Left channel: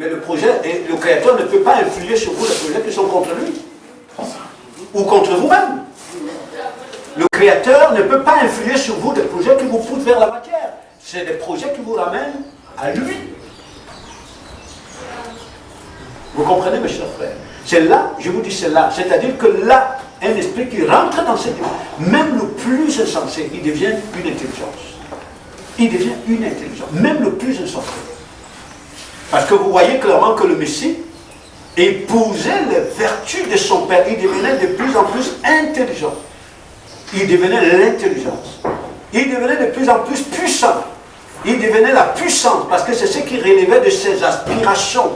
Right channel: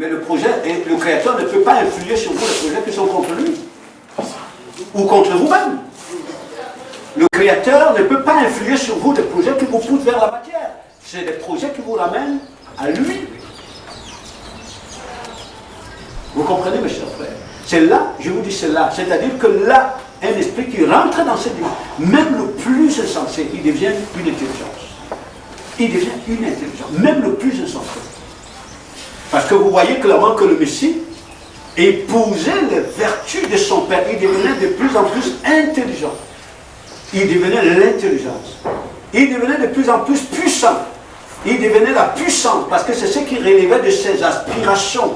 Mais le projet, et le Créateur ne peut pas influer sur vous les projets qui sont contre lui. Ou contre vous-même. Le Créateur ne peut pas influer sur vous des projets qui vous poussent vers la matière. C'est des projets qui vous ramènent à lui. Vous comprenez, mes chers frères? C'est là, je vous dis c'est là. C'est-à-dire que là, un esprit qui rentre dans cette vie, même le plus insensé, il devient une intelligence. Il devient une intelligence, même le plus insensé. Parce que vous voyez clairement que le Messie épousait les vertus de son Père. Il devenait de plus en plus intelligent. Il devenait l'intelligence. Il devenait de plus en plus puissant. Il devenait la puissance, parce que c'est ce qui relevait de ses aspirations,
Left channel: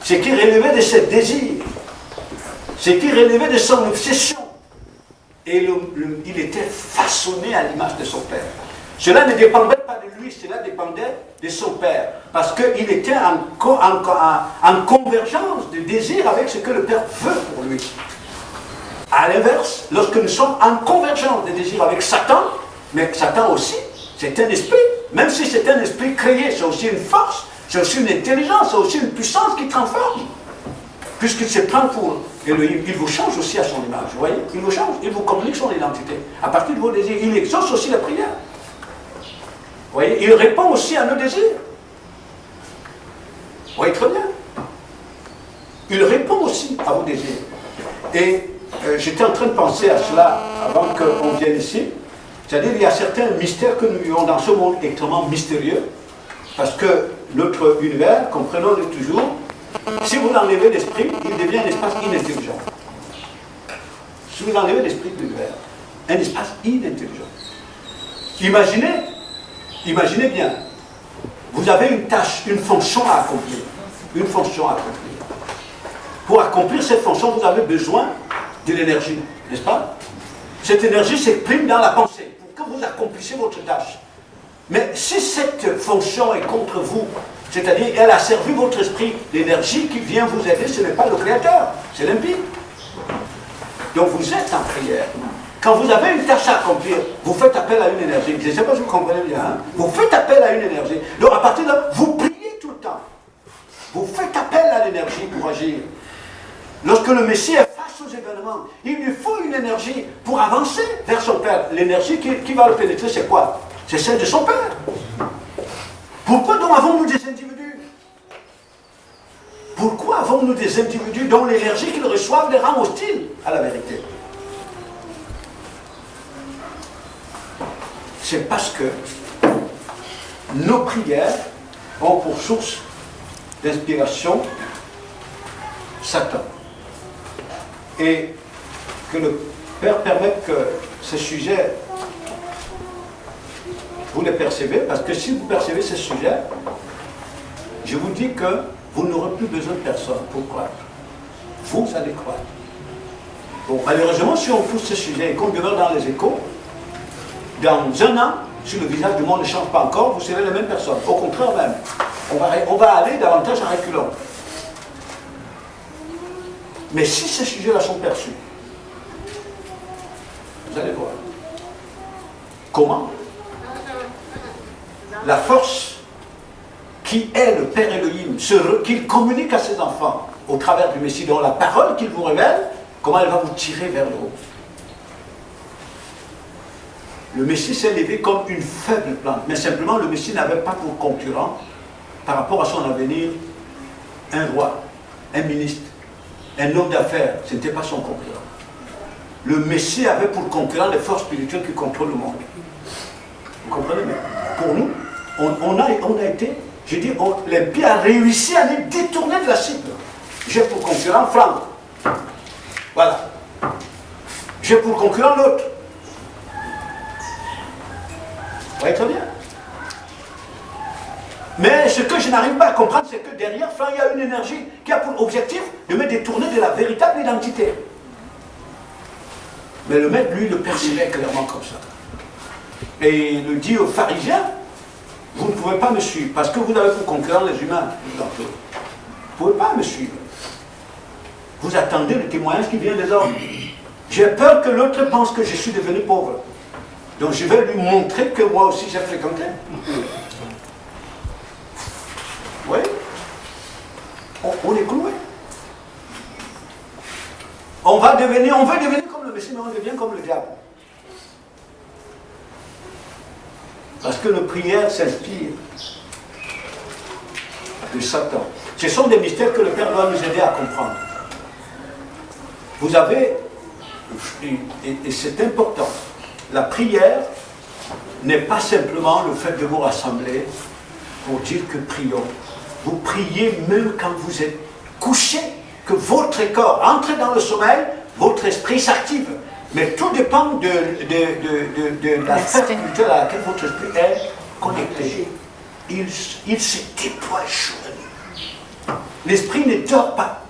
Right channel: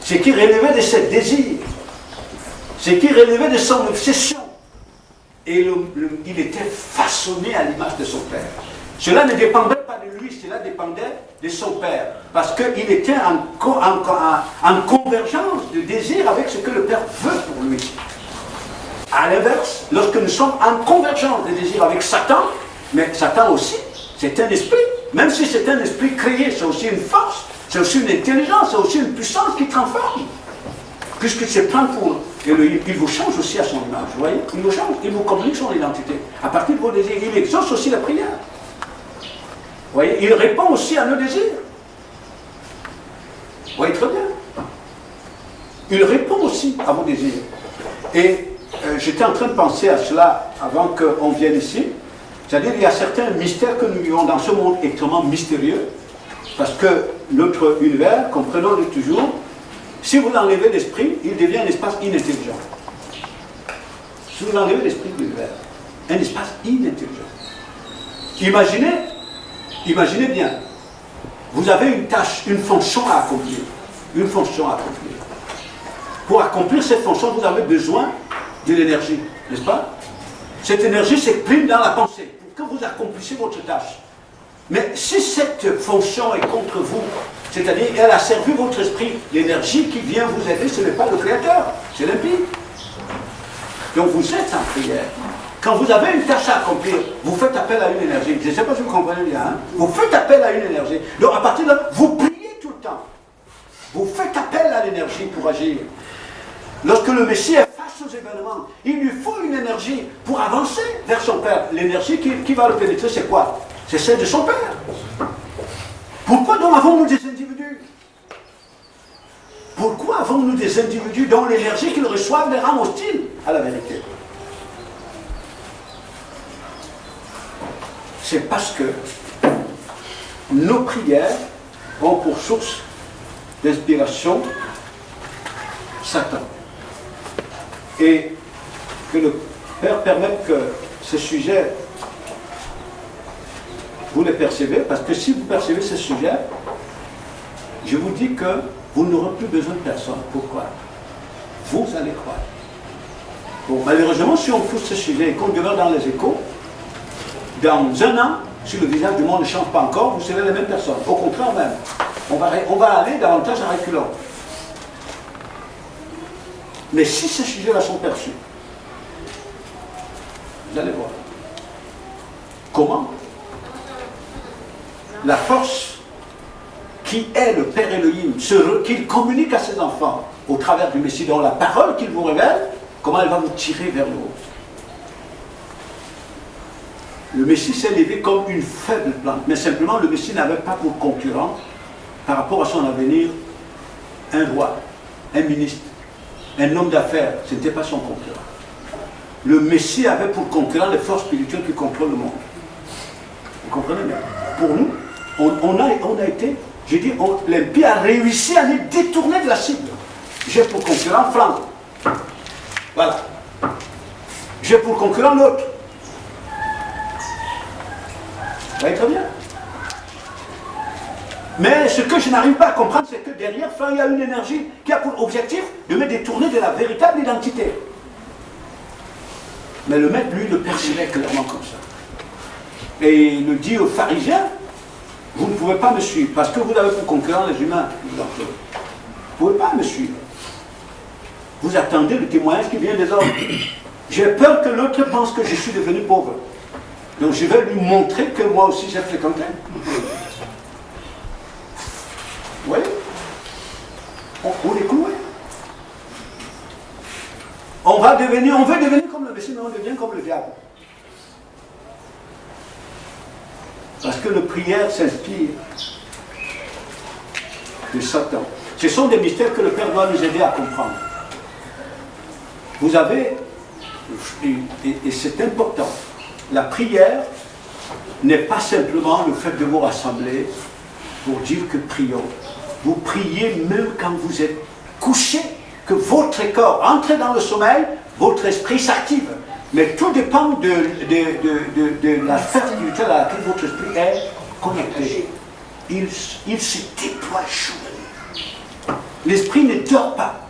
ce qui relevait de ses désirs, ce qui relevait de son obsession. Et il était façonné à l'image de son Père. Cela ne dépendait pas de lui, cela dépendait de son Père. Parce qu'il était en convergence de désir avec ce que le Père veut pour lui. À l'inverse, lorsque nous sommes en convergence de désir avec Satan, mais Satan aussi, c'est un esprit. Même si c'est un esprit créé, c'est aussi une force, c'est aussi une intelligence, c'est aussi une puissance qui transforme. Puisqu'il se prend pour Elohim, il vous change aussi à son image, vous voyez? Il vous change, il vous communique son identité. À partir de vos désirs, il exauce aussi la prière. Vous voyez? Il répond aussi à nos désirs. Vous voyez très bien. Il répond aussi à vos désirs. Et j'étais en train de penser à cela avant qu'on vienne ici. C'est-à-dire qu'il y a certains mystères que nous vivons dans ce monde extrêmement mystérieux, parce que notre univers, comprenons-le toujours, si vous enlevez l'esprit, il devient un espace inintelligent. Si vous enlevez l'esprit de l'univers, un espace inintelligent. Imaginez bien, vous avez une tâche, une fonction à accomplir. Une fonction à accomplir. Pour accomplir cette fonction, vous avez besoin de l'énergie, n'est-ce pas? Cette énergie s'exprime dans la pensée, pour que vous accomplissiez votre tâche. Mais si cette fonction est contre vous, c'est-à-dire elle a servi votre esprit, l'énergie qui vient vous aider, ce n'est pas le Créateur, c'est l'impie. Donc vous êtes en prière. Quand vous avez une tâche à accomplir, vous faites appel à une énergie. Je ne sais pas si vous comprenez bien. Hein? Vous faites appel à une énergie. Donc à partir de là, vous priez tout le temps. Vous faites appel à l'énergie pour agir. Lorsque le Messie est face aux événements, il lui faut une énergie pour avancer vers son Père. L'énergie qui va le pénétrer, c'est quoi? C'est celle de son Père. Pourquoi donc avons-nous des individus? Pourquoi avons-nous des individus dont l'énergie qu'ils reçoivent les rend hostiles à la vérité? C'est parce que nos prières ont pour source d'inspiration Satan. Et que le Père permette que ces sujets, vous les percevez, parce que si vous percevez ces sujets, je vous dis que vous n'aurez plus besoin de personne pour croire. Vous allez croire. Bon, malheureusement, si on pousse ce sujet et qu'on demeure dans les échos, dans un an, si le visage du monde ne change pas encore, vous serez les mêmes personnes. Au contraire même, on va aller davantage à reculons. Mais si ces sujets-là sont perçus, vous allez voir. Comment la force qui est le Père Elohim, qu'il communique à ses enfants au travers du Messie, dont la parole qu'il vous révèle, comment elle va vous tirer vers le haut. Le Messie s'est levé comme une faible plante, mais simplement le Messie n'avait pas pour concurrent, par rapport à son avenir, un roi, un ministre, un homme d'affaires. Ce n'était pas son concurrent. Le Messie avait pour concurrent les forces spirituelles qui contrôlent le monde. Vous comprenez bien? Pour nous, on a été, je dis, l'impie a réussi à les détourner de la cible. J'ai pour concurrent Franck. Voilà. J'ai pour concurrent l'autre. Vous voyez très bien. Mais ce que je n'arrive pas à comprendre, c'est que derrière Franck, il y a une énergie qui a pour objectif de me détourner de la véritable identité. Mais le maître, lui, le percevait clairement comme ça. Et il le dit aux pharisiens, vous ne pouvez pas me suivre, parce que vous avez pour concurrent les humains. Vous ne pouvez pas me suivre. Vous attendez le témoignage qui vient des hommes. J'ai peur que l'autre pense que je suis devenu pauvre. Donc je vais lui montrer que moi aussi j'ai fréquenté. Oui. on est cloué. On veut devenir comme le Messie, mais on devient comme le diable. Parce que la prière s'inspire de Satan. Ce sont des mystères que le Père doit nous aider à comprendre. Vous avez, et c'est important, la prière n'est pas simplement le fait de vous rassembler pour dire que prions. Vous priez même quand vous êtes couché, que votre corps entre dans le sommeil, votre esprit s'active. Mais tout dépend de la sphère spirituelle à laquelle votre esprit est connecté. Il se déploie jour et nuit. L'esprit ne dort pas.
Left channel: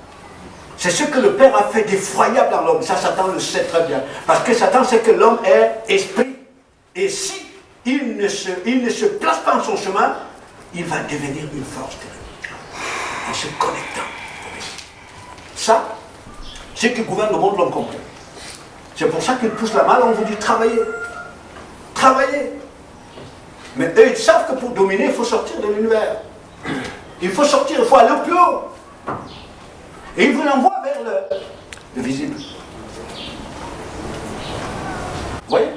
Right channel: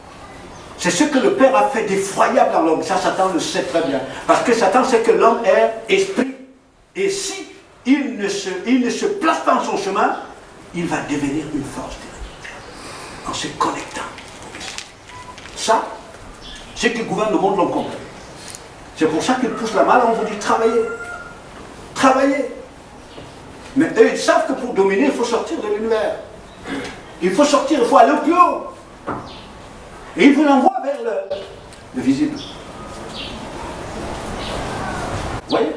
C'est ce que le Père a fait d'effroyable dans l'homme. Ça, Satan le sait très bien. Parce que Satan sait que l'homme est esprit. Et si il ne se place pas en son chemin, il va devenir une force terrible. En se connectant. Ça, c'est ce qui gouverne le monde, l'homme complet. C'est pour ça qu'ils poussent la malle, on vous dit travaillez. Travaillez. Mais eux, ils savent que pour dominer, il faut sortir de l'univers. Il faut sortir, il faut aller au plus haut. Et ils vous l'envoient vers le visible. Vous voyez?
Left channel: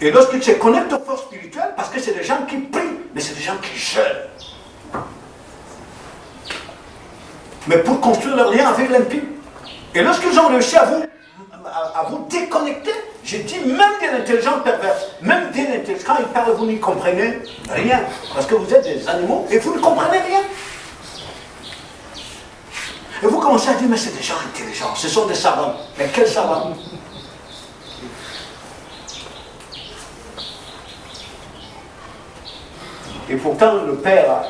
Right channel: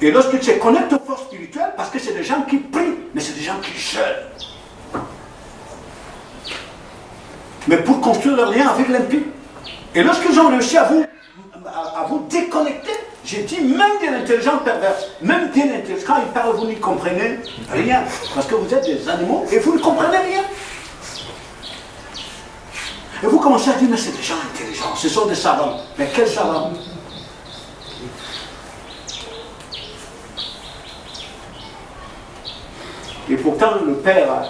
Et lorsque tu te connectes aux forces spirituelles, parce que c'est des gens qui prient, mais c'est des gens qui jeûnent. Mais pour construire leur lien avec l'impie. Et lorsqu'ils ont réussi à vous déconnecter, j'ai dit même de l'intelligence perverse, même de l'intelligence, quand ils parlent, vous n'y comprenez rien. Parce que vous êtes des animaux et vous ne comprenez rien. Et vous commencez à dire, mais c'est des gens intelligents, ce sont des savants. Mais quels savants? Et pourtant, le Père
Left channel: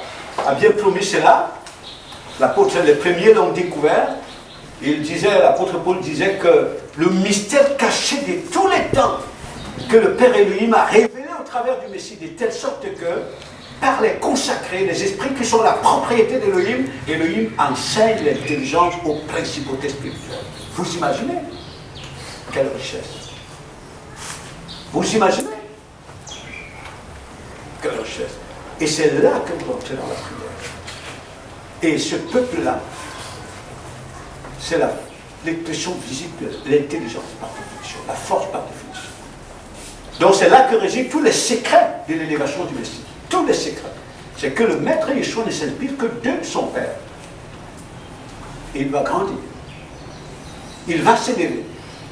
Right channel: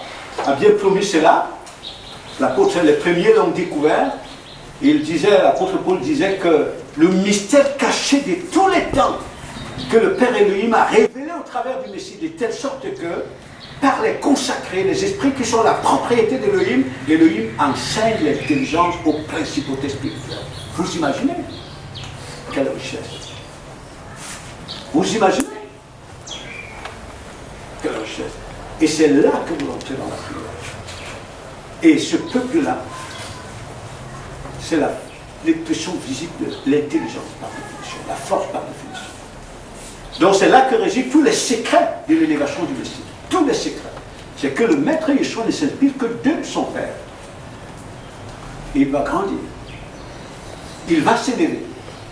a bien promis cela. L'apôtre, les premiers l'ont découvert. Il disait, l'apôtre Paul disait que le mystère caché de tous les temps que le Père Elohim a révélé au travers du Messie, de telle sorte que, par les consacrés, les esprits qui sont la propriété d'Elohim, Elohim enseigne l'intelligence aux principautés spirituelles. Vous imaginez? Quelle richesse! Vous imaginez? Quelle richesse! Et c'est là que nous entrons dans la prière. Et ce peuple-là, c'est l'expression visible de l'intelligence par définition, la force par définition. Donc c'est là que résident tous les secrets de l'élévation du Messie. Tous les secrets. C'est que le Maître Yeshua ne s'inspire que de son Père. Et il va grandir. Il va s'élever.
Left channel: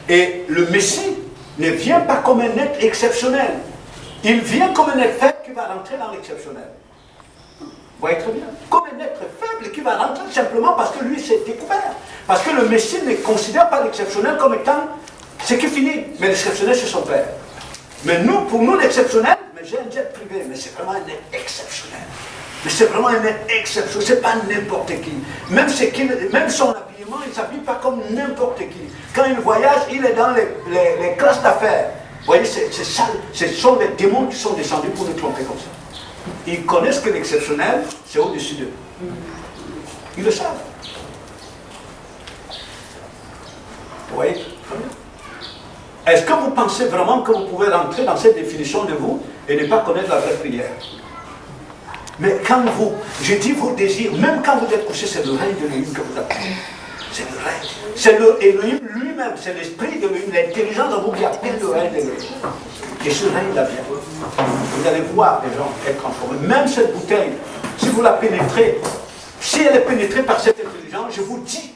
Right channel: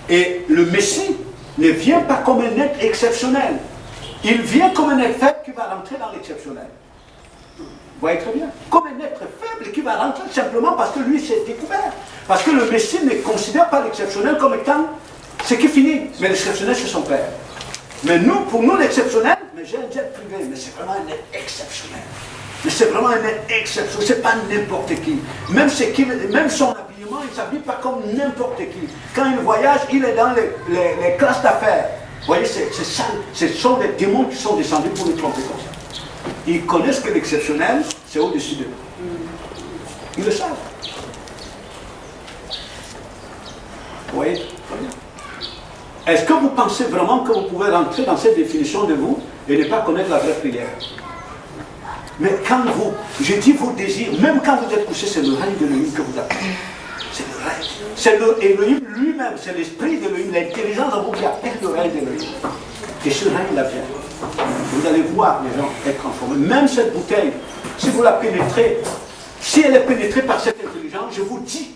Et le Messie ne vient pas comme un être exceptionnel. Il vient comme un être faible qui va rentrer dans l'exceptionnel. Vous voyez très bien. Comme un être faible qui va rentrer simplement parce que lui s'est découvert. Parce que le Messie ne considère pas l'exceptionnel comme étant ce qui finit. Mais l'exceptionnel, c'est son Père. Mais nous, pour nous, l'exceptionnel, mais j'ai un jet privé, mais c'est vraiment un être exceptionnel. Mais c'est vraiment un être exceptionnel, c'est pas n'importe qui. Même son habillement, il ne s'habille pas comme n'importe qui. Quand il voyage, il est dans les classes d'affaires. Vous voyez, c'est ça. Ce sont des démons qui sont descendus pour nous tromper comme ça. Ils connaissent que l'exceptionnel, c'est au-dessus d'eux. Ils le savent. Vous voyez? Est-ce que vous pensez vraiment que vous pouvez rentrer dans cette définition de vous et ne pas connaître la vraie prière? Mais quand vous, je dis vos désirs, même quand vous êtes couché, c'est le règne de l'Élohim que vous appelez. C'est le règne. C'est l'Élohim lui-même, c'est l'esprit de l'Élohim, l'intelligence en vous qui appelle le règne de l'Élohim. Et ce règne-là vient. Vous allez voir les gens être transformés. Même cette bouteille, si vous la pénétrez, si elle est pénétrée par cette intelligence, je vous dis,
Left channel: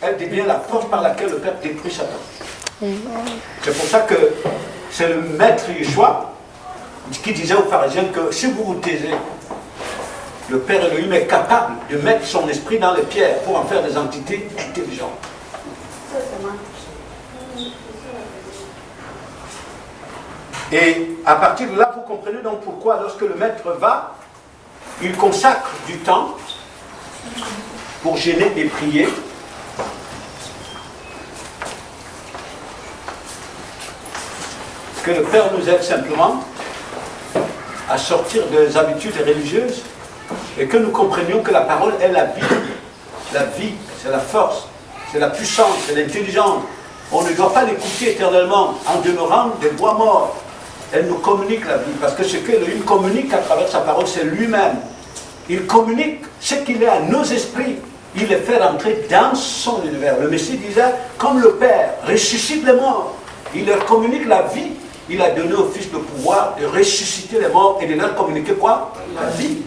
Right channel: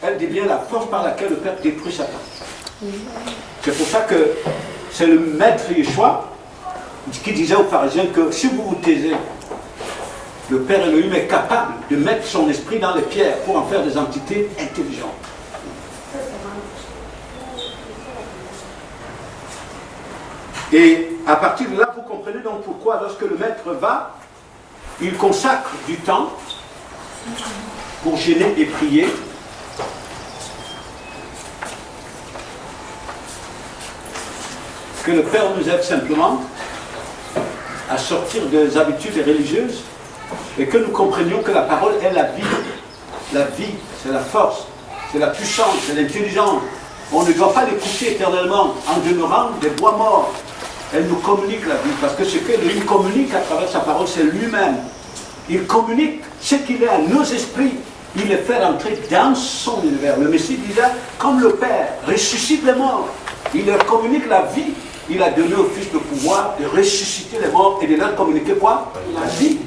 elle devient la force par laquelle le Père détruit Satan. C'est pour ça que c'est le Maître Yeshua qui disait aux pharisiens que si vous vous taisez, le Père Elohim est capable de mettre son esprit dans les pierres pour en faire des entités intelligentes. Et à partir de là, vous comprenez donc pourquoi lorsque le Maître va, il consacre du temps pour gêner et prier. Que le Père nous aide simplement à sortir des habitudes religieuses et que nous comprenions que la parole est la vie. La vie, c'est la force, c'est la puissance, c'est l'intelligence. On ne doit pas l'écouter éternellement en demeurant des bois morts. Elle nous communique la vie, parce que ce qu'Elohim communique à travers sa parole, c'est lui-même. Il communique ce qu'il est à nos esprits il les fait rentrer dans son univers. Le Messie disait, comme le Père ressuscite les morts, il leur communique la vie, il a donné au Fils le pouvoir de ressusciter les morts et de leur communiquer quoi? La vie.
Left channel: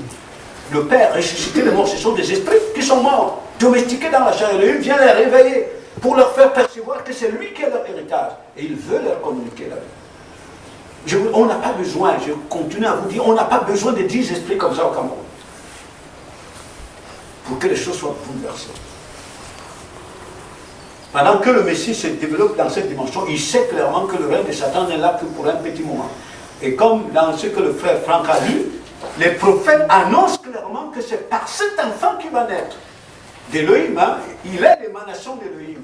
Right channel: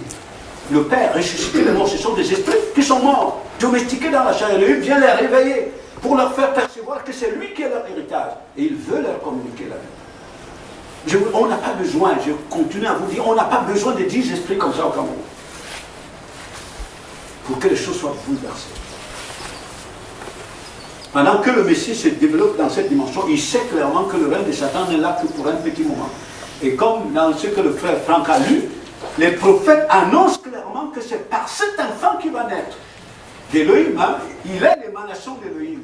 Le Père ressuscite les morts, ce sont des esprits qui sont morts, domestiqués dans la chair, et lui vient les réveiller pour leur faire percevoir que c'est lui qui est leur héritage. Et il veut leur communiquer la vie. On n'a pas besoin, je continue à vous dire, on n'a pas besoin de 10 esprits comme ça au Cameroun pour que les choses soient bouleversées. Pendant que le Messie se développe dans cette dimension, il sait clairement que le règne de Satan n'est là que pour un petit moment. Et comme dans ce que le frère Franck a lu, les prophètes annoncent clairement que c'est par cet enfant qui va naître d'Élohim, hein, il est l'émanation d'Élohim,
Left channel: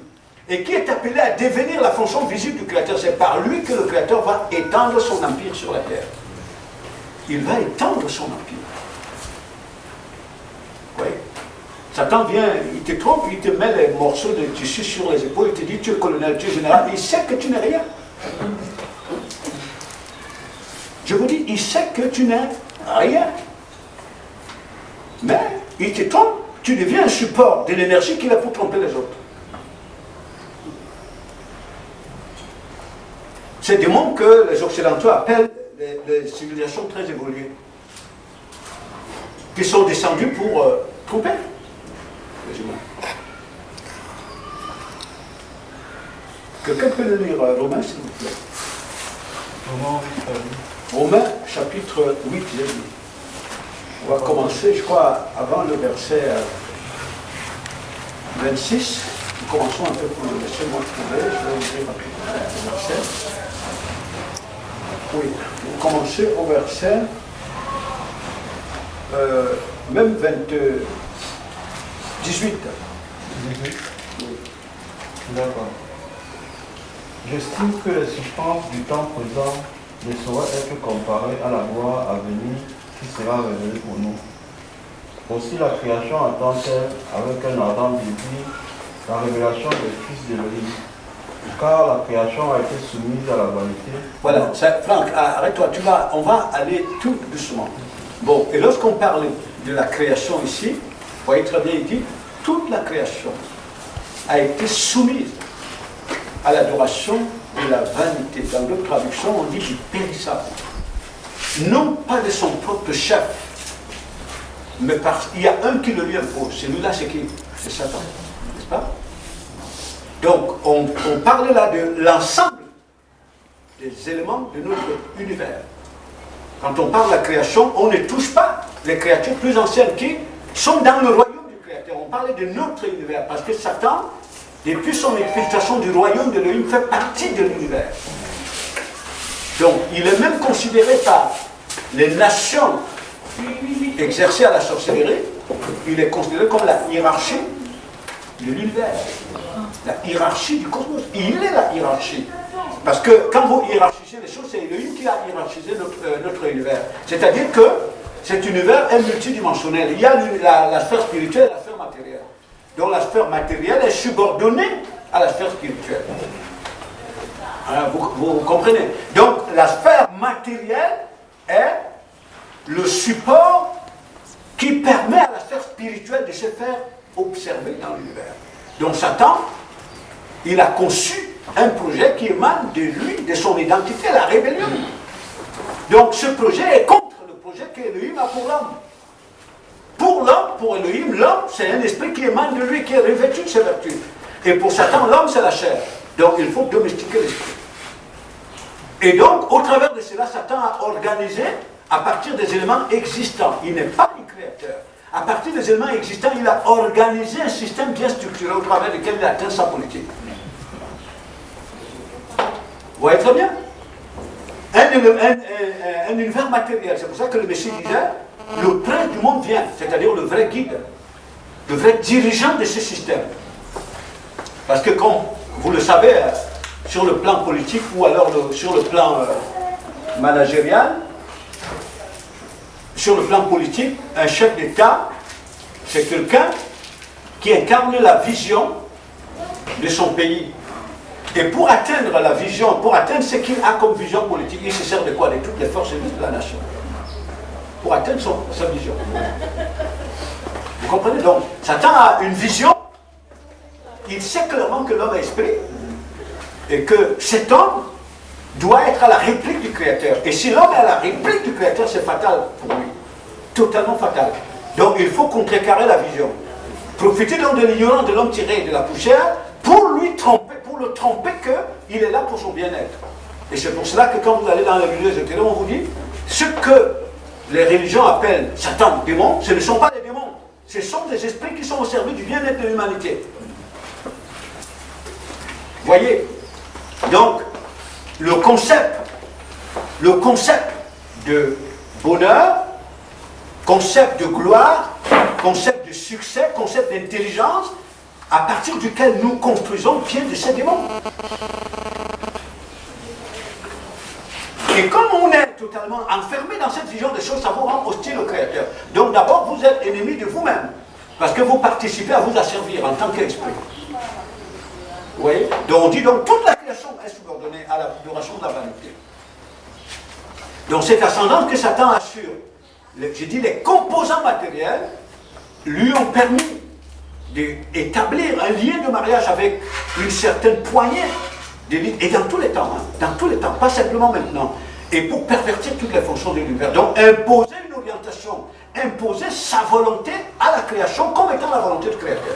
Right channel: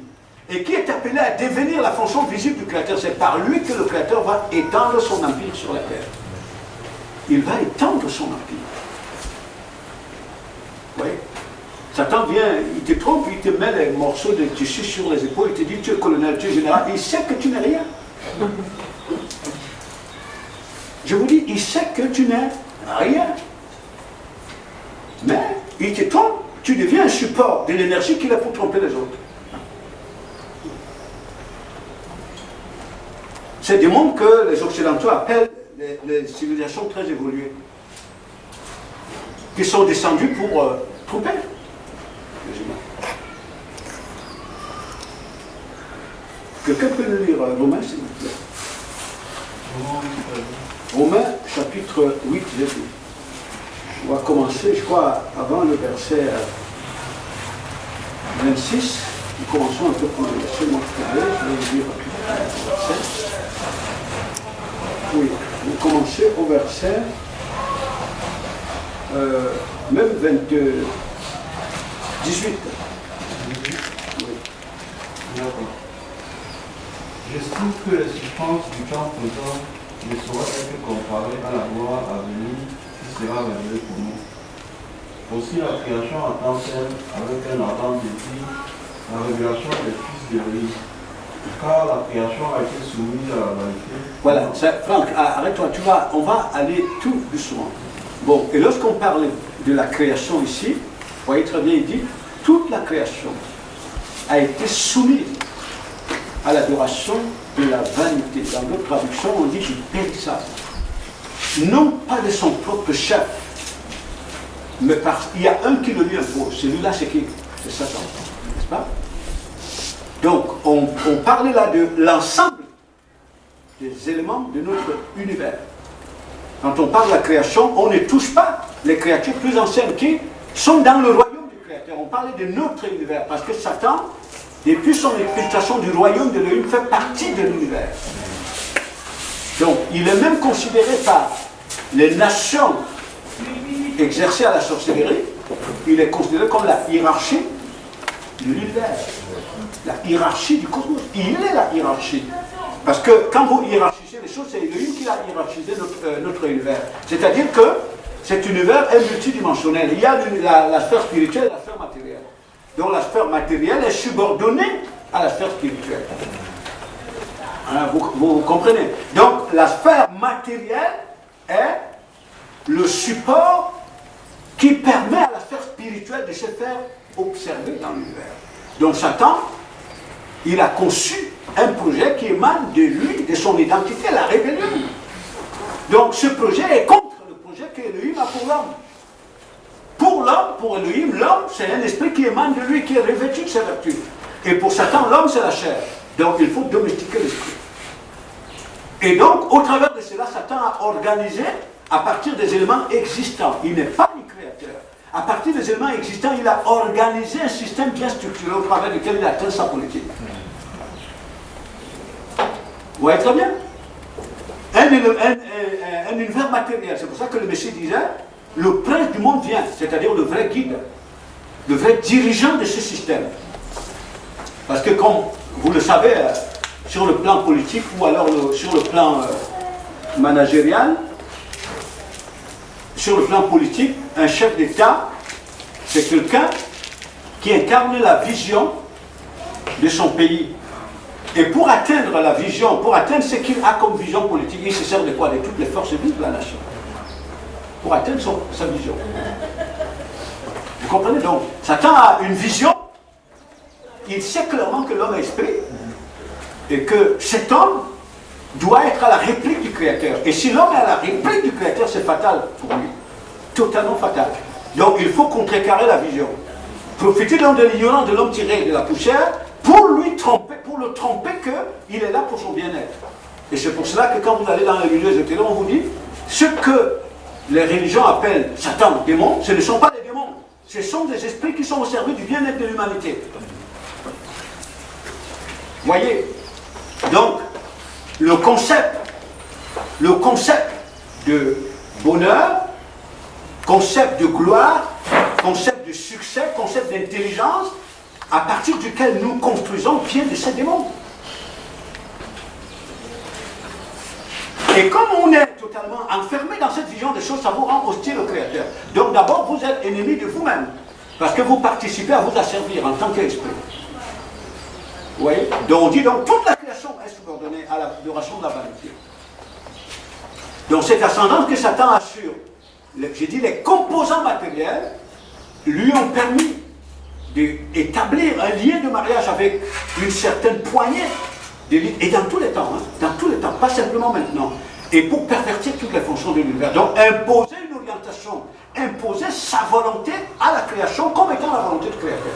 et qui est appelé à devenir la fonction visible du Créateur. C'est par lui que le Créateur va étendre son empire sur la terre. Il va étendre son empire. Vous voyez? Satan vient, il te trompe, il te met les morceaux de tissu sur les épaules, il te dit tu es colonel, tu es général, il sait que tu n'es rien. Je vous dis, il sait que tu n'es rien. Mais il te trompe, tu deviens un support de l'énergie qu'il a pour tromper les autres. C'est des mondes que les Occidentaux appellent les civilisations très évoluées, qui sont descendues pour tromper les humains. Quelqu'un peut le lire, Romains, s'il vous plaît. Romains, chapitre 8, j'ai dit. On va commencer, je crois, avant le verset 26. Nous commençons un peu pour le verset, moi je vais vous lire rapidement le verset. Oui, vous commencez au verset, même 18. Oui. D'accord. J'estime que les souffrances du temps présent ne sauraient être comparées à la gloire à venir qui sera révélée pour nous. Aussi la création attend-elle avec un ardent désir la révélation des fils d'Élohim. Car la création a été soumise à la vanité. Voilà, Franck, arrête-toi, on va aller tout doucement. Bon, et lorsqu'on parle de la création ici, vous voyez très bien, il dit, toute la création a été soumise à l'adoration de la vanité. Dans d'autres traductions, on dit du périssable. Non pas de son propre chef, mais parce qu'il y a un qui le lui impose. Celui-là, c'est qui? C'est Satan, n'est-ce pas? Donc, on parle là de l'ensemble des éléments de notre univers. Quand on parle de la création, on ne touche pas les créatures plus anciennes qui sont dans le royaume du Créateur. On parlait de notre univers, parce que Satan, depuis son explication du royaume de l'Élohim, fait partie de l'univers. Donc, il est même considéré par les nations exercées à la sorcellerie, il est considéré comme la hiérarchie de l'univers. La hiérarchie du cosmos. Il est la hiérarchie. Parce que quand vous hiérarchisez les choses, c'est Elohim qui a hiérarchisé notre univers. C'est-à-dire que cet univers est multidimensionnel. Il y a la sphère spirituelle et la sphère matérielle. Donc la sphère matérielle est subordonnée à la sphère spirituelle. Alors, vous comprenez? Donc la sphère matérielle est le support qui permet à la sphère spirituelle de se faire observer dans l'univers. Donc Satan, il a conçu un projet qui émane de lui, de son identité, la rébellion. Donc ce projet est contre le projet qu'Élohim a pour l'homme. Pour l'homme, pour Élohim, l'homme, c'est un esprit qui émane de lui, qui est revêtu de ses vertus. Et pour Satan, l'homme, c'est la chair. Donc il faut domestiquer l'esprit. Et donc, au travers de cela, Satan a organisé, à partir des éléments existants, il n'est pas le créateur. À partir des éléments existants, il a organisé un système bien structuré au travers duquel il a atteint sa politique. Vous voyez très bien? Un univers matériel. C'est pour ça que le Messie disait, le prince du monde vient, c'est-à-dire le vrai guide, le vrai dirigeant de ce système. Parce que comme vous le savez, sur le plan politique ou alors sur le plan managérial, sur le plan politique, un chef d'État, c'est quelqu'un qui incarne la vision de son pays. Et pour atteindre la vision, pour atteindre ce qu'il a comme vision politique, il se sert de quoi? De toutes les forces vives de la nation. Pour atteindre sa vision. Vous comprenez? Donc, Satan a une vision. Il sait clairement que l'homme est esprit. Et que cet homme doit être à la réplique du Créateur. Et si l'homme est à la réplique du Créateur, c'est fatal pour lui. Totalement fatal. Donc, il faut contrecarrer la vision. Profiter donc de l'ignorance de l'homme tiré de la poussière pour lui tromper, pour le tromper qu'il est là pour son bien-être. Et c'est pour cela que quand vous allez dans les milieux ésotériques, on vous dit ce que les religions appellent Satan, démons, ce ne sont pas des démons. Ce sont des esprits qui sont au service du bien-être de l'humanité. Voyez? Donc, le concept de bonheur, concept de gloire, concept de succès, concept d'intelligence, à partir duquel nous construisons vient de ces démons. Et comme on est totalement enfermé dans cette vision des choses, ça vous rend hostile au Créateur. Donc d'abord, vous êtes ennemi de vous-même, parce que vous participez à vous asservir en tant qu'esprit. Vous voyez? Donc on dit donc toute la création est subordonnée à l'adoration de la vanité. Donc cette ascendance que Satan assure, j'ai dit les composants matériels, lui ont permis d'établir un lien de mariage avec une certaine poignée d'élite, et dans tous les temps, pas simplement maintenant, et pour pervertir toutes les fonctions de l'univers. Donc imposer une orientation, imposer sa volonté à la création comme étant la volonté du Créateur.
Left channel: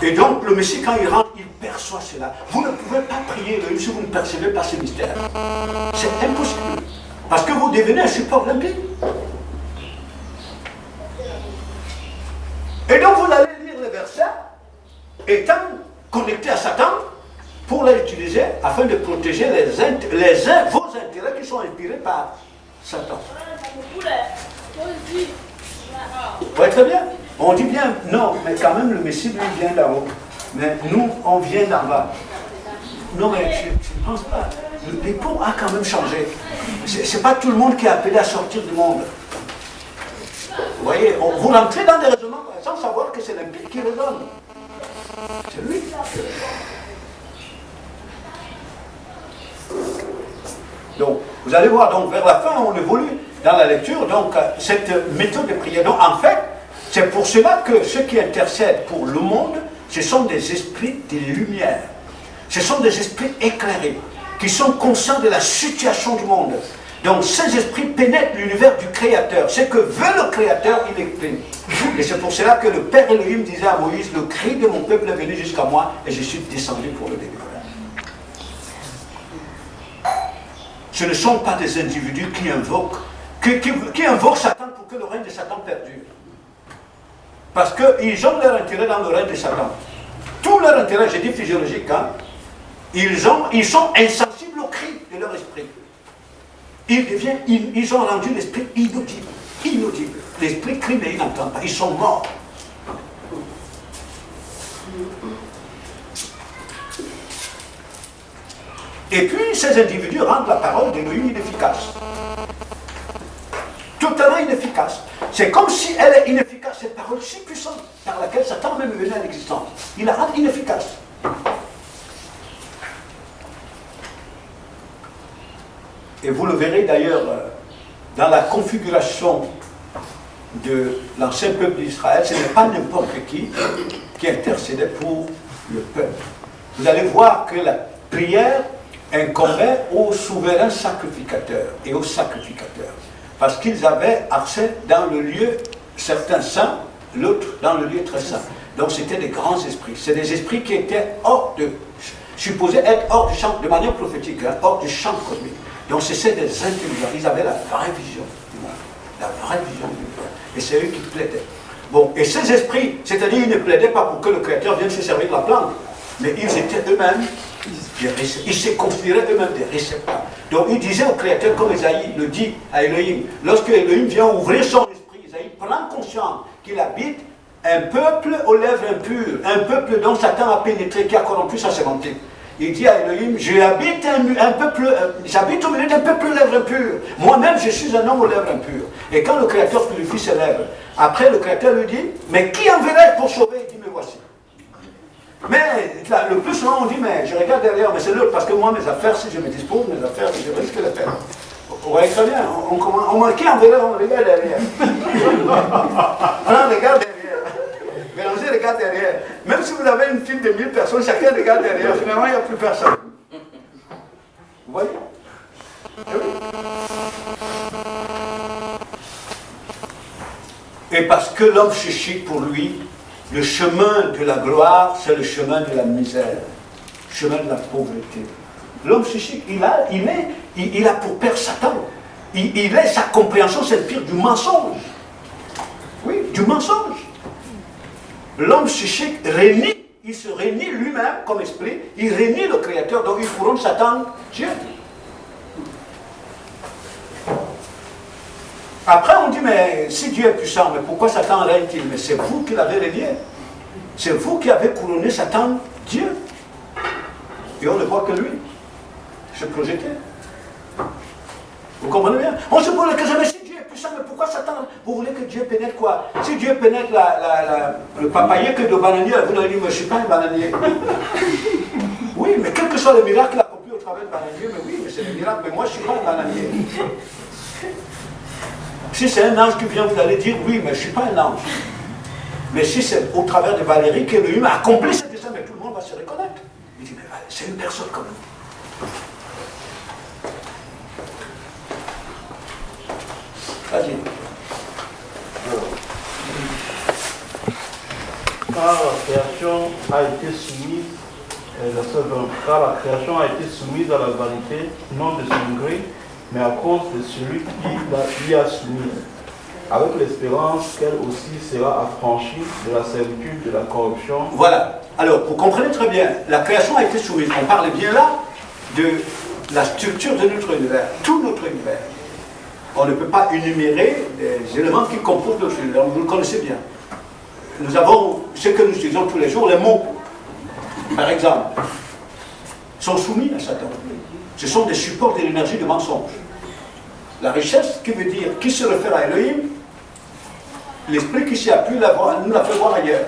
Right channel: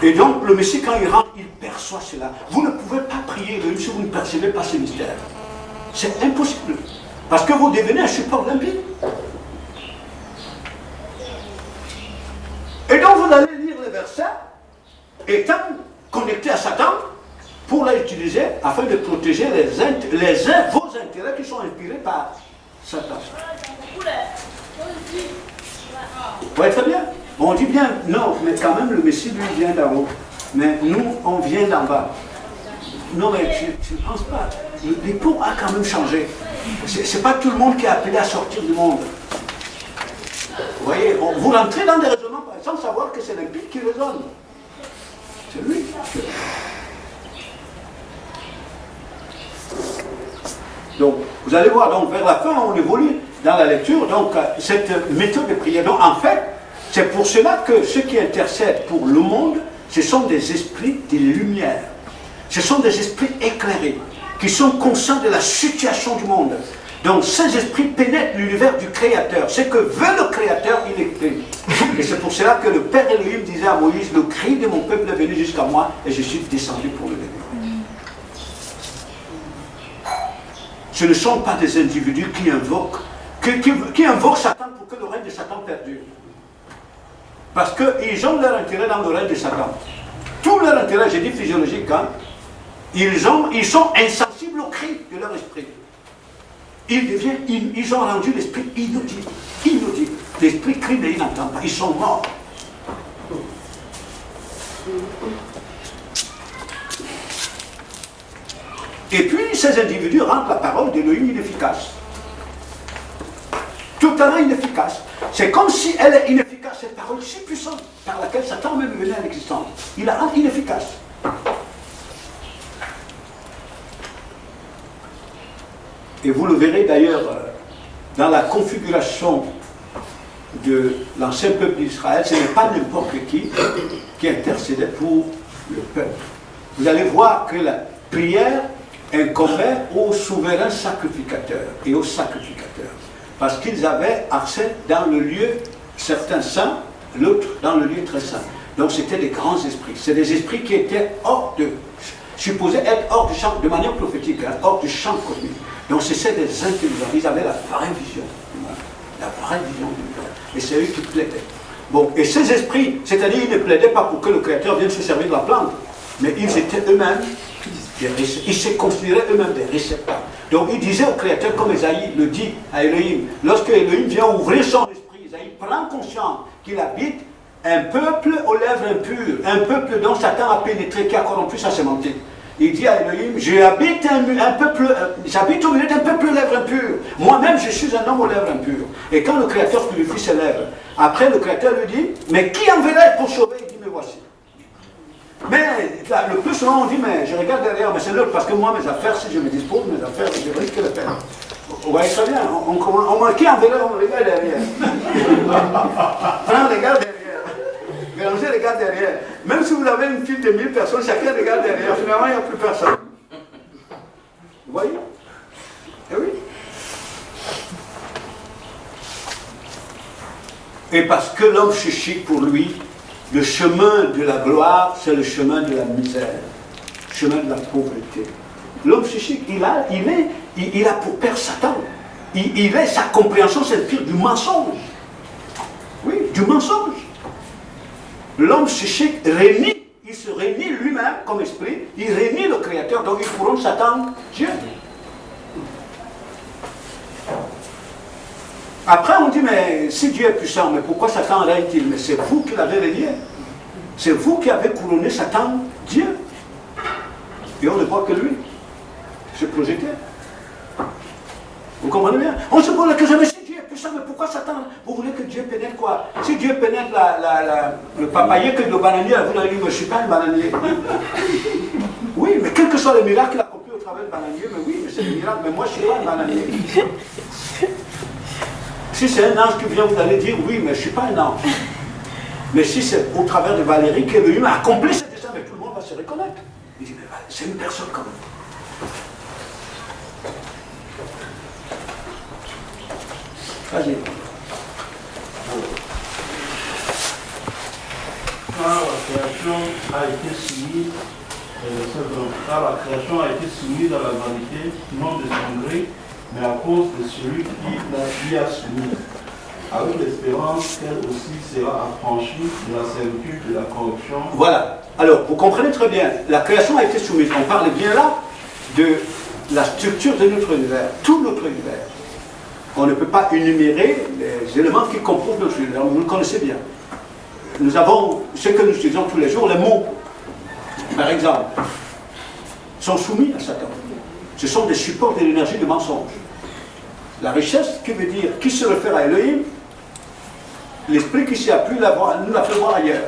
Et donc le Messie, quand il rentre, il perçoit cela. Vous ne pouvez pas prier si vous ne percevez pas ce mystère. C'est impossible. Parce que vous devenez un support limpide. Et donc vous allez lire les versets, étant connecté à Satan, pour l'utiliser afin de protéger vos intérêts qui sont inspirés par Satan. Ouais, très bien. On dit bien, non, mais quand même le Messie lui vient d'en haut. Mais nous, on vient d'en bas. Non, mais tu ne penses pas. L'époux a quand même changé. C'est pas tout le monde qui est appelé à sortir du monde. Vous voyez, vous rentrez dans des raisonnements sans savoir que c'est l'empire qui raisonne. C'est lui qui raisonne. Donc, vous allez voir, donc vers la fin, on évolue dans la lecture, donc cette méthode de prière. Donc, en fait, c'est pour cela que ceux qui intercèdent pour le monde, ce sont des esprits de lumière. Ce sont des esprits éclairés, qui sont conscients de la situation du monde. Donc ces esprits pénètrent l'univers du Créateur. Ce que veut le Créateur, il exprime. Et c'est pour cela que le Père Elohim disait à Moïse, le cri de mon peuple est venu jusqu'à moi et je suis descendu pour le délivrer. Ce ne sont pas des individus qui invoquent, qui invoquent Satan pour que le règne de Satan perdure. Parce qu'ils ont leur intérêt dans le règne de Satan. Tout leur intérêt, j'ai dit physiologique, hein, ils sont insensibles au cri de leur esprit. Ils ont rendu l'esprit inaudible. Inaudible. L'esprit crie mais il n'entend pas. Ils sont morts. Et puis ces individus rendent la parole d'Élohim inefficace. Totalement inefficace. C'est comme si elle est inefficace, cette parole si puissante par laquelle Satan même venait à l'existence. Il la rend inefficace. Et vous le verrez d'ailleurs dans la configuration de l'ancien peuple d'Israël, ce n'est pas n'importe qui intercédait pour le peuple. Vous allez voir que la prière incombait aux souverains sacrificateurs et aux sacrificateurs. Parce qu'ils avaient accès dans le lieu, certains saints, l'autre dans le lieu très saint. Donc c'était des grands esprits. C'est des esprits qui étaient supposés être hors du champ, de manière prophétique, hein, hors du champ cosmique. Donc c'était des intelligents. Ils avaient la vraie vision du monde. La vraie vision du monde. Et c'est eux qui plaidaient. Bon, et ces esprits, c'est-à-dire ils ne plaidaient pas pour que le Créateur vienne se servir de la plante, mais ils étaient eux-mêmes, ils se considéraient eux-mêmes des réceptacles. Donc il disait au Créateur, comme Isaïe le dit à Elohim, lorsque Elohim vient ouvrir son esprit, Isaïe prend conscience qu'il habite un peuple aux lèvres impures, un peuple dont Satan a pénétré, qui a corrompu sa sémantique. Il dit à Elohim, j'habite au milieu d'un peuple aux lèvres impures. Moi-même, je suis un homme aux lèvres impures. Et quand le Créateur purifie ses lèvres, après le Créateur lui dit, mais qui enverrai pour sauver? Il dit, me voici. Mais là, le plus souvent on dit, mais je regarde derrière, mais c'est l'autre, parce que moi, mes affaires, si je me dispose, mes affaires, je risque de les perdre. Vous voyez très bien, on marquait en vélo, on regarde derrière. On regarde derrière. Mélangez, regarde derrière. Même si vous avez une file de 1000 personnes, chacun regarde derrière. Finalement, il n'y a plus personne. Vous voyez? Et oui. Et parce que l'homme chichique, pour lui, le chemin de la gloire, c'est le chemin de la misère, le chemin de la pauvreté. L'homme chichique, il a pour père Satan. Il est sa compréhension, c'est le pire du mensonge. Oui, du mensonge. L'homme chichique renie, il se renie lui-même comme esprit, il renie le Créateur, donc il couronne Satan, Dieu. Après, on dit, mais si Dieu est puissant, mais pourquoi Satan règne-t-il? Mais c'est vous qui l'avez renié. C'est vous qui avez couronné Satan, Dieu. Et on ne voit que lui se projeter. Vous comprenez bien? On se pose la question, mais si Dieu est puissant, mais pourquoi Satan? Vous voulez que Dieu pénètre quoi? Si Dieu pénètre le papayer que le bananier, vous allez dire, mais je ne suis pas un bananier. Oui, mais quel que soit le miracle qu'il a accompli au travers du bananier, mais oui, mais c'est le miracle, mais moi je ne suis pas un bananier. Si c'est un ange qui vient, vous allez dire, oui, mais je ne suis pas un ange. Mais si c'est au travers de Valérie qu'Élohim a accompli ce dessein, mais tout le monde va se reconnaître. Il dit, mais c'est une personne comme nous. Vas-y. Quand la création a été soumise, car la création a été soumise à la vanité, non de son gré, mais à cause de celui qui a soumis, avec l'espérance qu'elle aussi sera affranchie de la servitude de la corruption. Voilà. Alors, vous comprenez très bien, la création a été soumise. On parle bien là de la structure de notre univers, tout notre univers. On ne peut pas énumérer les éléments qui composent notre univers, vous le connaissez bien. Nous avons ce que nous utilisons tous les jours, les mots, par exemple, sont soumis à Satan. Ce sont des supports de l'énergie de mensonge. La richesse, qui veut dire, qui se réfère à Elohim, l'esprit qui s'y appuie nous l'a fait voir ailleurs.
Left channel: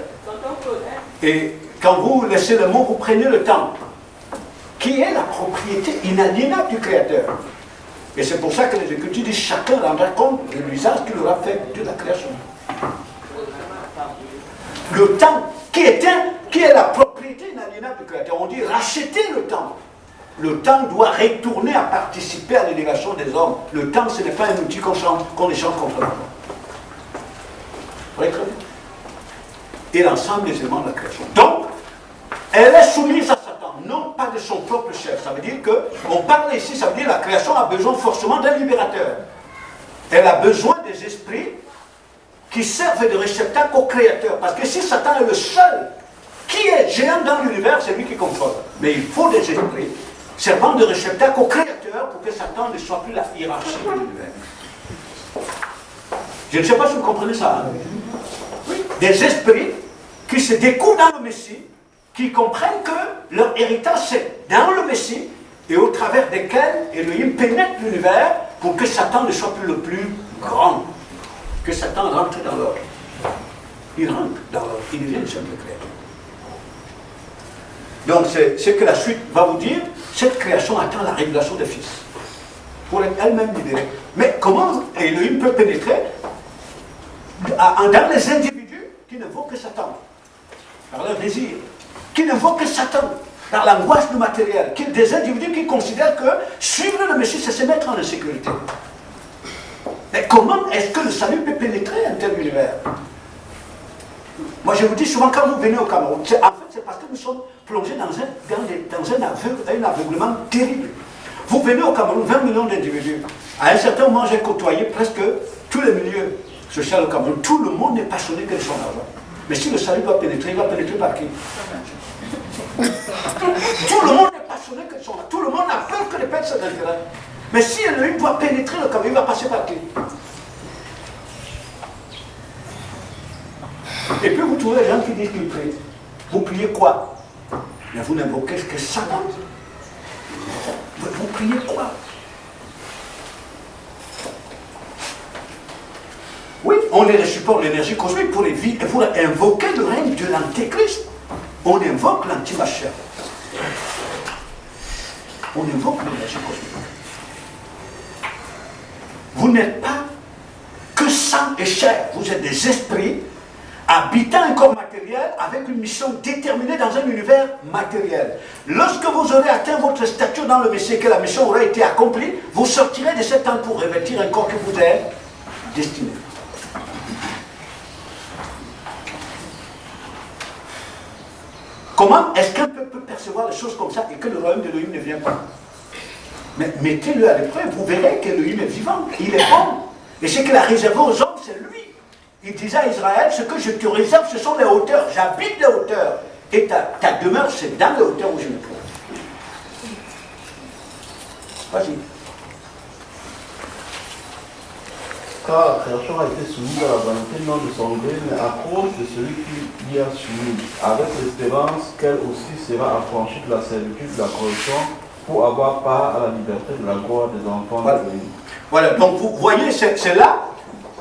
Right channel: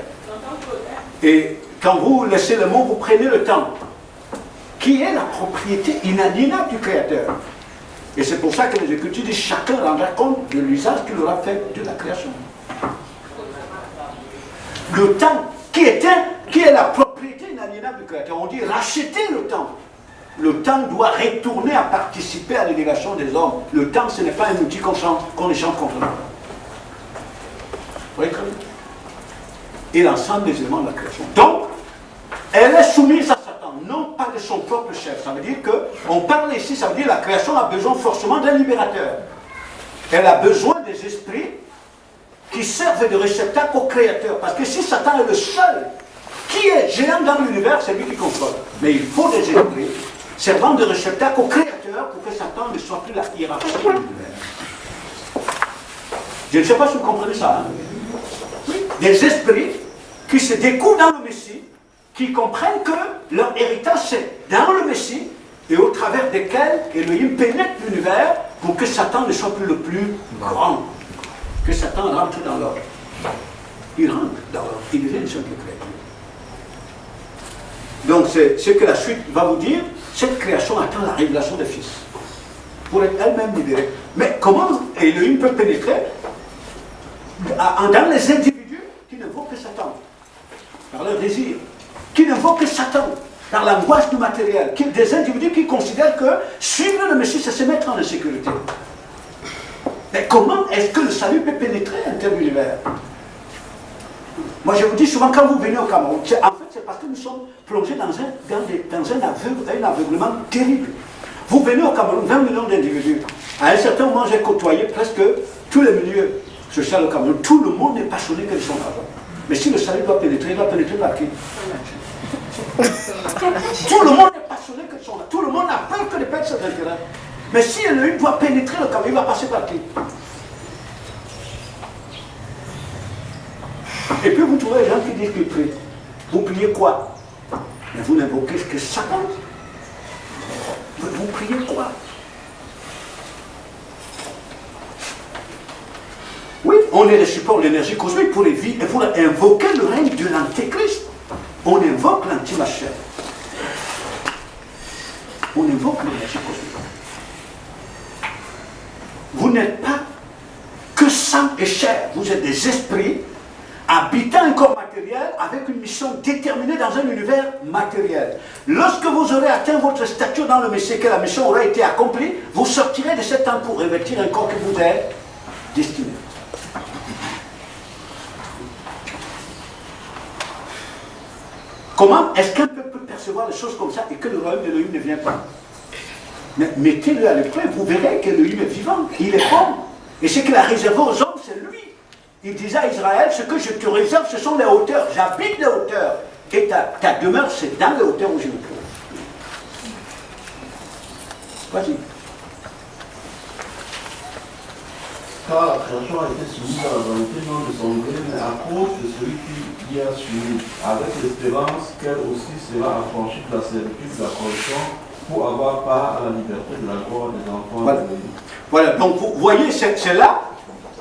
Et quand vous laissez le mot, vous prenez le temps, qui est la propriété inaliénable du Créateur. Et c'est pour ça que les Écritures disent chacun rendra compte de l'usage qu'il aura fait de la création. Le temps qui est la propriété inaliénable du Créateur. On dit racheter le temps. Le temps doit retourner à participer à l'élégation des hommes. Le temps, ce n'est pas un outil qu'on échange contre l'argent. Vous voyez très bien. Et l'ensemble des éléments de la création. Donc, elle est soumise à Satan, non pas de son propre chef. Ça veut dire que, on parle ici, ça veut dire que la création a besoin forcément d'un libérateur. Elle a besoin des esprits qui servent de réceptacle au Créateur. Parce que si Satan est le seul qui est géant dans l'univers, c'est lui qui contrôle. Mais il faut des esprits servant de réceptacle au Créateur pour que Satan ne soit plus la hiérarchie de l'univers. Je ne sais pas si vous comprenez ça. Hein? Oui. Des esprits qui se découvrent dans le Messie, qui comprennent que leur héritage c'est dans le Messie et au travers desquels Elohim pénètre l'univers pour que Satan ne soit plus le plus grand. Que Satan rentre dans l'ordre. Il rentre dans l'ordre. Il devient une simple créature. Donc c'est ce que la suite va vous dire. Cette création attend la révélation des fils. Pour être elle-même libérée. Mais comment Elohim peut pénétrer dans les individus qui ne voient que Satan, par leur désir, qui ne voient que Satan, par l'angoisse du matériel, des individus qui considèrent que suivre le Messie, c'est se mettre en insécurité. Mais comment est-ce que le salut peut pénétrer un tel univers? Moi je vous dis souvent, quand vous venez au Cameroun, en fait c'est parce que nous sommes plongés dans un aveuglement terrible. Vous venez au Cameroun, 20 millions d'individus. À un certain moment, j'ai côtoyé presque tous les milieux sociaux au Cameroun. Tout le monde est passionné que de son argent. Mais si le salut doit pénétrer, il va pénétrer par qui? Tout le monde est passionné que de son argent. Tout le monde a peur que les perdre ses intérêts. Mais si lui doit pénétrer le Cameroun, il va passer par qui? Et puis vous trouvez les gens qui disent qu'ils prient. Vous priez quoi? Mais vous n'invoquez que Satan. Vous priez quoi? Oui, on est le support de l'énergie cosmique pour les vies et pour invoquer le règne de l'Antéchrist. On invoque l'antimachère. On invoque l'énergie cosmique. vous n'êtes pas que sang et chair, vous êtes des esprits habitant un corps matériel avec une mission déterminée dans un univers matériel. Lorsque vous aurez atteint votre stature dans le Messie, que la mission aura été accomplie, vous sortirez de cet temps pour revêtir un corps que vous êtes destiné. Comment est-ce qu'un peuple peut percevoir les choses comme ça et que le royaume d'Élohim ne vient pas? Mais mettez-le à l'épreuve, vous verrez qu'Élohim est vivant, il est bon. Et ce qu'il a réservé aux hommes, c'est lui. Il disait à Israël, ce que je te réserve, ce sont les hauteurs. J'habite les hauteurs. Et ta demeure, c'est dans les hauteurs où je me trouve. Vas-y. Car la création a été soumise à la volonté non de son gré, mais à cause de celui qui l'y a soumis, avec l'espérance qu'elle aussi sera affranchie de la servitude de la corruption pour avoir part à la liberté de la gloire des enfants. Voilà, voilà. Donc vous voyez, c'est là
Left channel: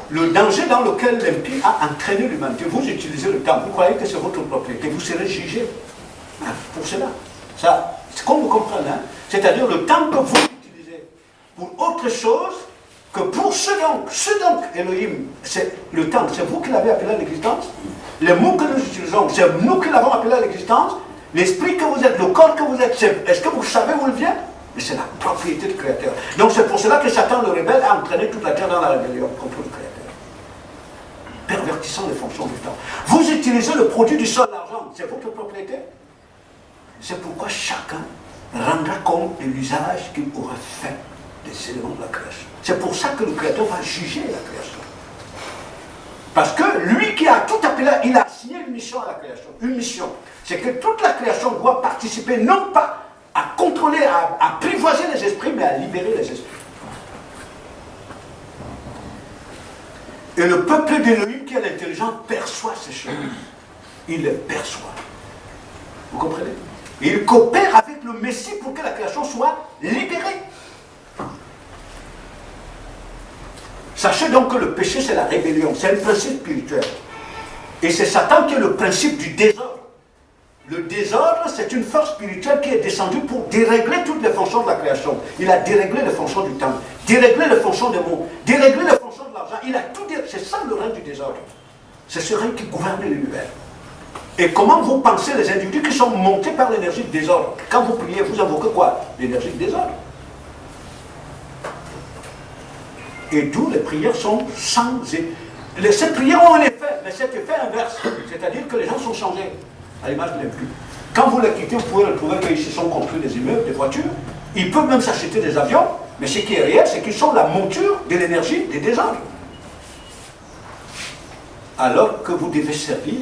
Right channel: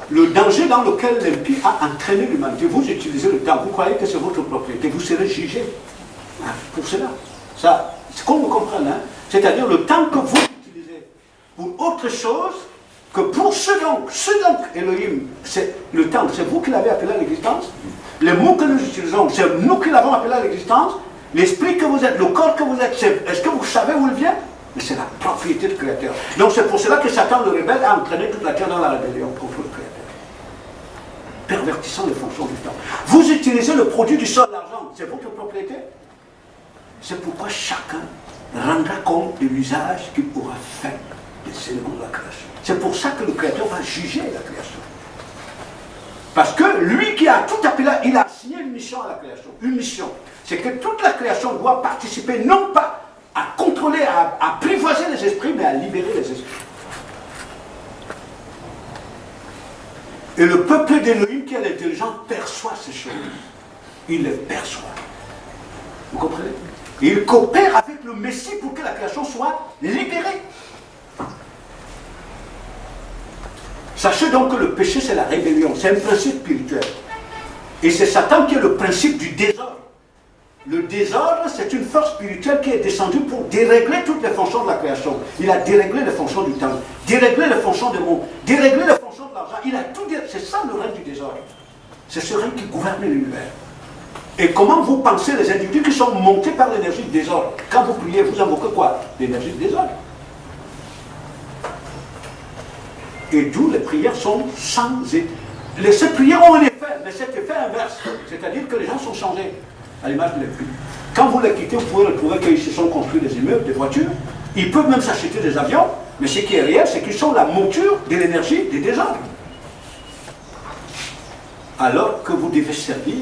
le danger dans lequel l'impie a entraîné l'humanité. Vous utilisez le temps, vous croyez que c'est votre propriété, vous serez jugé pour cela. Ça, c'est qu'on me comprenne, hein? C'est-à-dire le temps que vous utilisez pour autre chose que pour ce donc Elohim, c'est le temps, c'est vous qui l'avez appelé à l'existence. Les mots que nous utilisons, c'est nous qui l'avons appelé à l'existence. L'esprit que vous êtes, le corps que vous êtes, est-ce que vous savez où il vient? Mais c'est la propriété du Créateur. Donc c'est pour cela que Satan, le rebelle, a entraîné toute la terre dans la rébellion contre le Créateur. Pervertissant les fonctions du temps. Vous utilisez le produit du sol, l'argent, c'est votre propriété. C'est pourquoi chacun rendra compte de l'usage qu'il aura fait des éléments de la création. C'est pour ça que le Créateur va juger la création. Parce que lui qui a tout appelé, il a assigné une mission à la création. Une mission. C'est que toute la création doit participer, non pas à contrôler, à apprivoiser les esprits, mais à libérer les esprits. Et le peuple d'Élohim qui est l'intelligent perçoit ces choses. Il les perçoit. Vous comprenez? Et il coopère avec le Messie pour que la création soit libérée. Sachez donc que le péché, c'est la rébellion. C'est un principe spirituel. Et c'est Satan qui est le principe du désordre. Le désordre, c'est une force spirituelle qui est descendue pour dérégler toutes les fonctions de la création. Il a déréglé les fonctions du temps, déréglé les fonctions des mots, déréglé les fonctions de l'argent. Il a tout déréglé. C'est ça le règne du désordre. C'est ce règne qui gouverne l'univers. Et comment vous pensez les individus qui sont montés par l'énergie du désordre? Quand vous priez, vous invoquez quoi? L'énergie du désordre. Et d'où les prières sont sans effet. Ces prières ont un effet, mais cet effet inverse. C'est-à-dire que les gens sont changés, à l'image de l'impie. Quand vous les quittez, vous pouvez retrouver qu'ils se sont construits des immeubles, des voitures. Ils peuvent même s'acheter des avions, mais ce qui est réel, c'est qu'ils sont la monture de l'énergie des désordres. Alors que vous devez servir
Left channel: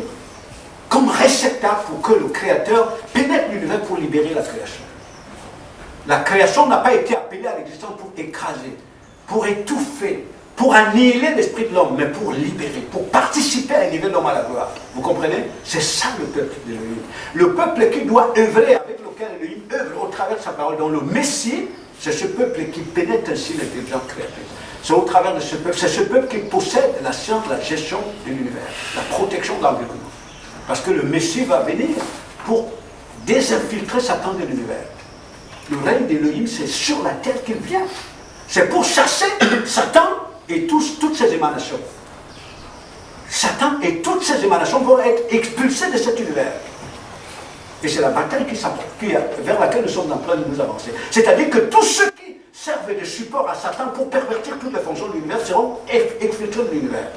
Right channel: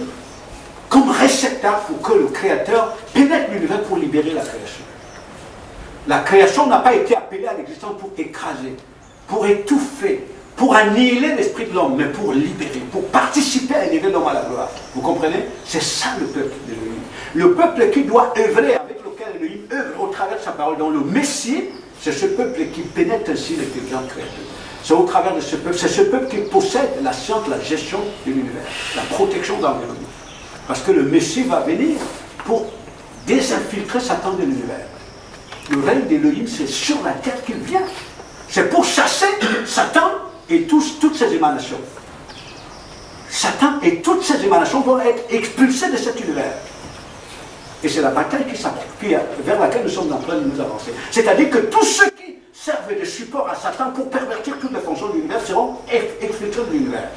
comme réceptacle pour que le Créateur pénètre l'univers pour libérer la création. La création n'a pas été appelée à l'existence pour écraser, pour étouffer, pour annihiler l'esprit de l'homme, mais pour libérer, pour participer à élever l'homme à la gloire. Vous comprenez? C'est ça le peuple d'Élohim. Le peuple qui doit œuvrer, avec lequel Élohim œuvre au travers de sa parole. Donc le Messie, c'est ce peuple qui pénètre ainsi l'intelligence créative. C'est au travers de ce peuple, c'est ce peuple qui possède la science, la gestion de l'univers, la protection de l'environnement. Parce que le Messie va venir pour désinfiltrer Satan de l'univers. Le règne d'Élohim, c'est sur la terre qu'il vient. C'est pour chasser Satan et toutes ses émanations. Satan et toutes ses émanations vont être expulsées de cet univers. Et c'est la bataille vers laquelle nous sommes en train de nous avancer. C'est-à-dire que tous ceux qui servent de support à Satan pour pervertir toutes les fonctions de l'univers seront exfiltrés de l'univers.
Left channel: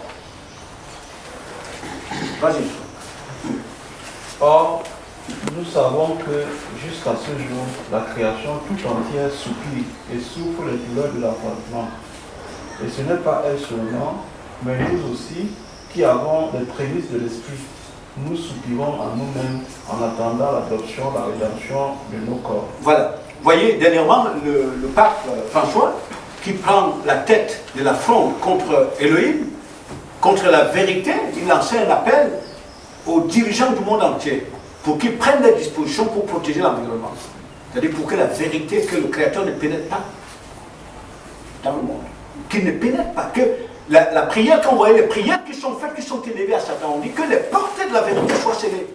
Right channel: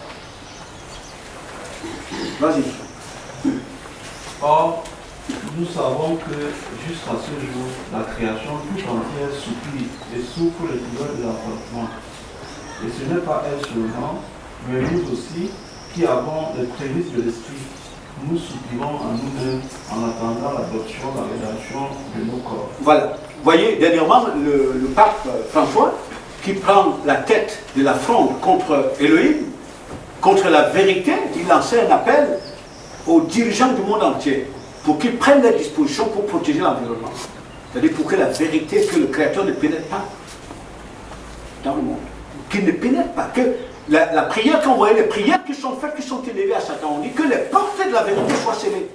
Vas-y. Or, nous savons que jusqu'à ce jour, la création tout entière supplie et souffre les douleurs de l'affrontement. Et ce n'est pas elle seulement, mais nous aussi, qui avons les prémices de l'esprit, nous soupirons en nous-mêmes en attendant l'adoption, la rédemption de nos corps. Voilà. Vous voyez, dernièrement, le pape François, qui prend la tête de la fronde contre Elohim, contre la vérité, il lançait un appel aux dirigeants du monde entier pour qu'ils prennent des dispositions pour protéger l'environnement. C'est-à-dire pour que la vérité, que le Créateur ne pénètre pas dans le monde. Qu'il ne pénètre pas. Que la prière, quand vous voyez les prières qui sont faites, qui sont élevées à Satan, on dit que les portes de la vérité soient scellées.